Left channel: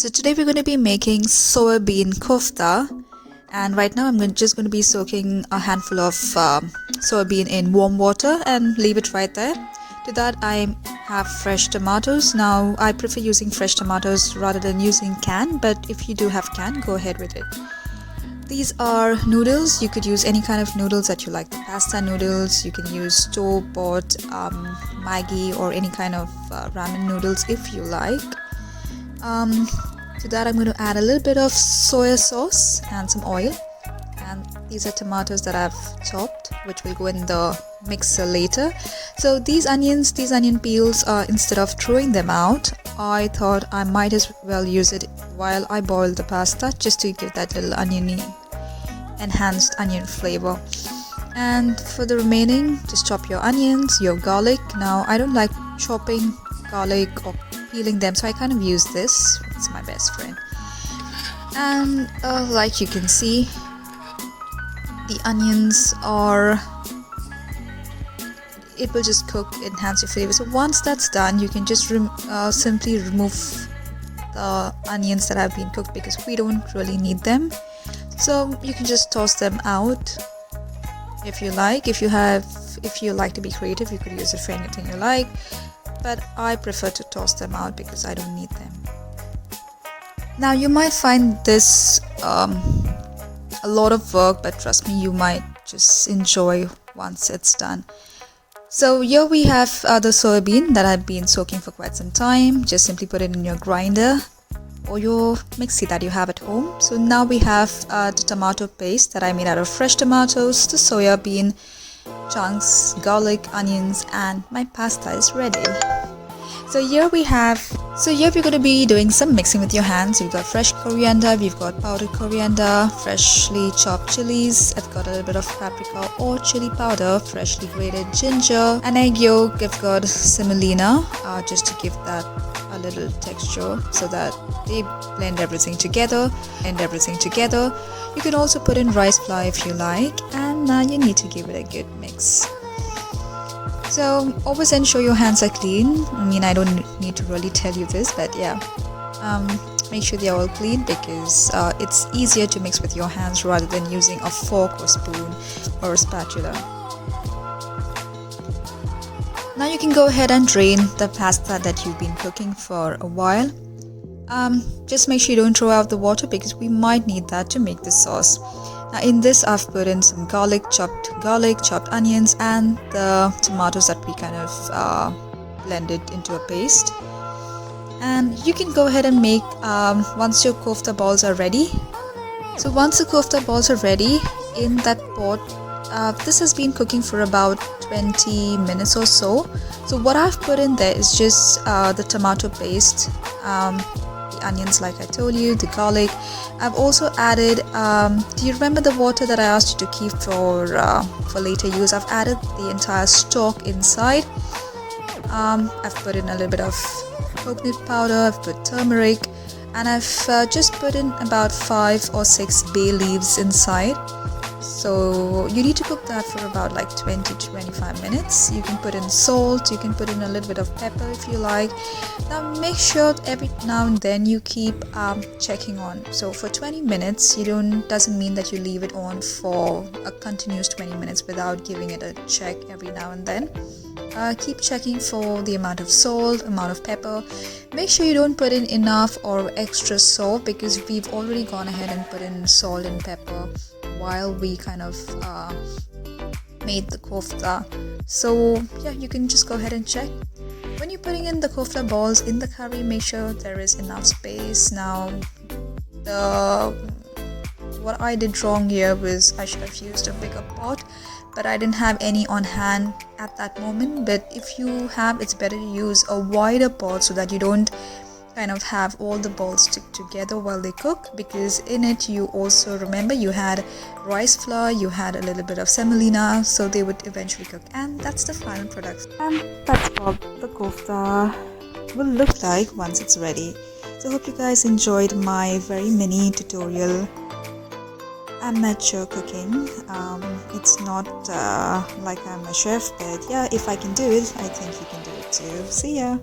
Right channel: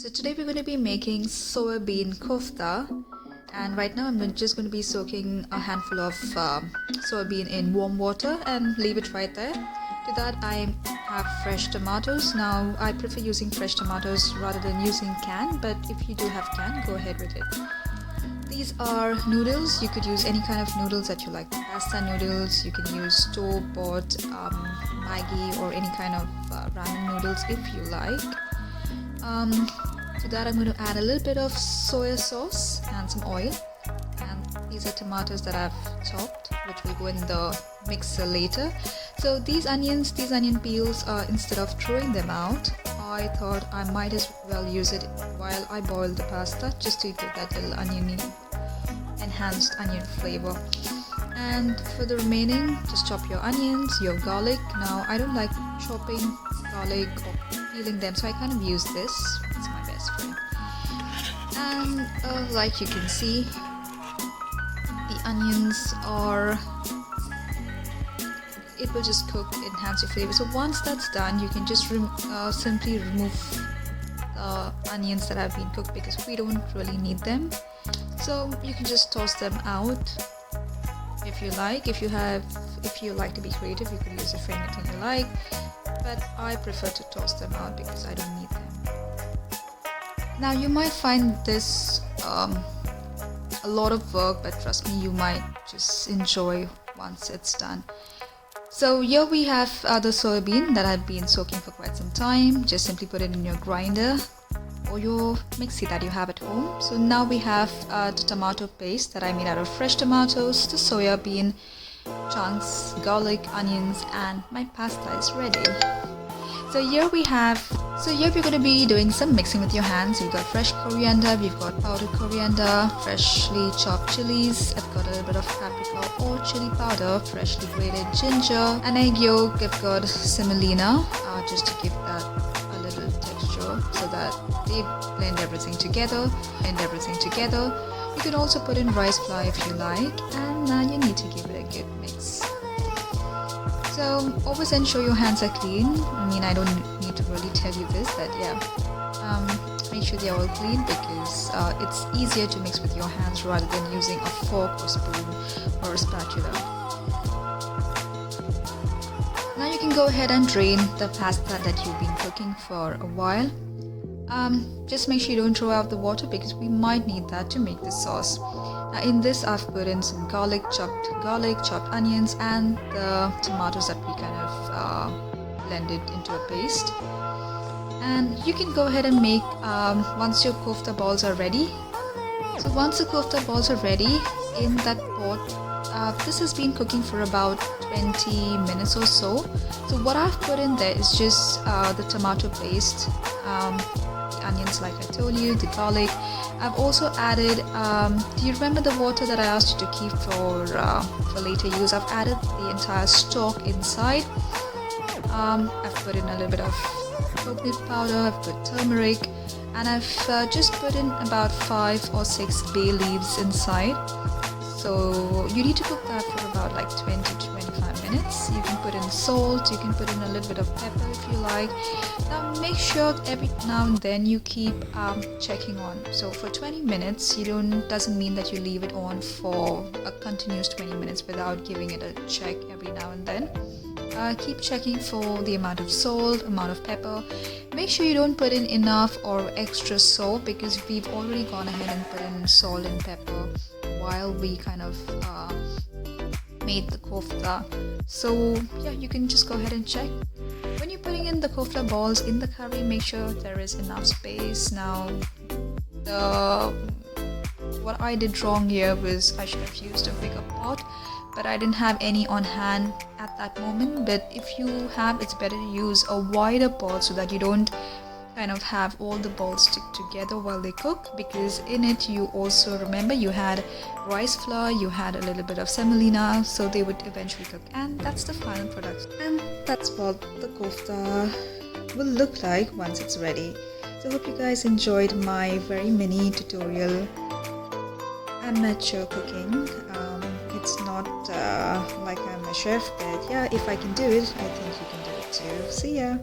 So today we're going to be making soybean kofta, and right now I'm just going to be soaking a handful of soybean in warm water and leave it right there. To that I have fresh tomatoes. Now I prefer using fresh tomatoes rather than using canned, but if you do have canned, go ahead with it. These are noodles. You could use any kind of noodles that you like. Pasta noodles, you can use store-bought Maggi or any kind of ramen noodles if you like. To that I'm going to add a little bit of soya sauce and some oil, and these are tomatoes that I've chopped, which will go in the mixer later. So these onion peels, instead of throwing them out, I thought I might as well use it while I boil the pasta, just to give that little enhanced onion flavor. And for the remaining, just chop your onions, your garlic. Now I don't like chopping garlic or peeling them, so I kind of use this. It's my best friend. And like you can see, the onions it will just cook, enhance your flavor. So once that's done, you can just simply remove the onions that have been cooked, because we don't really need them. So you can just toss them out if you like. If you like to be creative, you could use it for anything you like, but I prefer to toss them out because I don't need them. Now you might find this a lot of work, but trust me, you might just enjoy once it's done. So here we have the soybean that had been soaking for quite some time. Just simply put it in your grinder or your mixie that you have at home. So now we have the tomato paste that I made out of fresh tomatoes, the soya bean chunks, garlic, onions, and my pasta is ready. So here we're going to be doing some mixing with your hands. You've got fresh coriander, we've got powdered coriander, freshly chopped chilies, I've got a little bit of paprika or chili powder, freshly grated ginger, an egg yolk, I've got semolina, just to give that a little texture so that they blend everything together. You can also put in rice flour if you like, and now you need to give it a good mix. So always ensure your hands are clean. I mean, I don't need to really tell you this, but yeah, make sure they're all clean, because it's easier to mix with your hands rather than using a fork or spoon or a spatula. Now you can go ahead and drain the pasta that you've been cooking for a while. Just make sure you don't throw out the water, because we might need that to make the sauce. Now in this I've put in some chopped onions, and the tomatoes that we kind of blended into a paste. And you can go ahead and make once your kofta balls are ready. So once the kofta balls are ready in that pot, this has been cooking for about 20 minutes or so. So what I've put in there is just the tomato paste, the onions like I told you, the garlic. I've also added, do you remember the water that I asked you to keep for later use? I've added the entire stock inside. I've put in a little bit of coconut powder, I've put turmeric, and I've just put in about 5 or 6 bay leaves inside. So you need to cook that for about like 20 to 25 minutes. You can put in salt, you can put in a little bit of pepper if you like. Now make sure every now and then you keep checking on. So for 20 minutes, doesn't mean that you leave it on for a continuous 20 minutes without giving it a check every now and then. Keep checking for the amount of salt, amount of pepper. Make sure you don't put in enough or extra salt, because we've already gone ahead and put in salt and pepper while we kind of made the kofta. So yeah, you can just go ahead and check. When you're putting in the kofta balls in the curry, make sure there is enough space. Now what I did wrong here was I should have used a bigger pot, but I didn't have any on hand at that moment. But if you have, it's better to use a wider pot so that you don't kind of have all the balls stick together while they cook, because in it you also, remember, you had rice flour, you had a little bit of semolina, so they would eventually cook. And that's the final product, and that's what the kofta will look like once it's ready. So hope you guys enjoyed my very mini tutorial amateur cooking. It's not like I'm a chef, but yeah, if I can do it, I think you can do it too. See ya!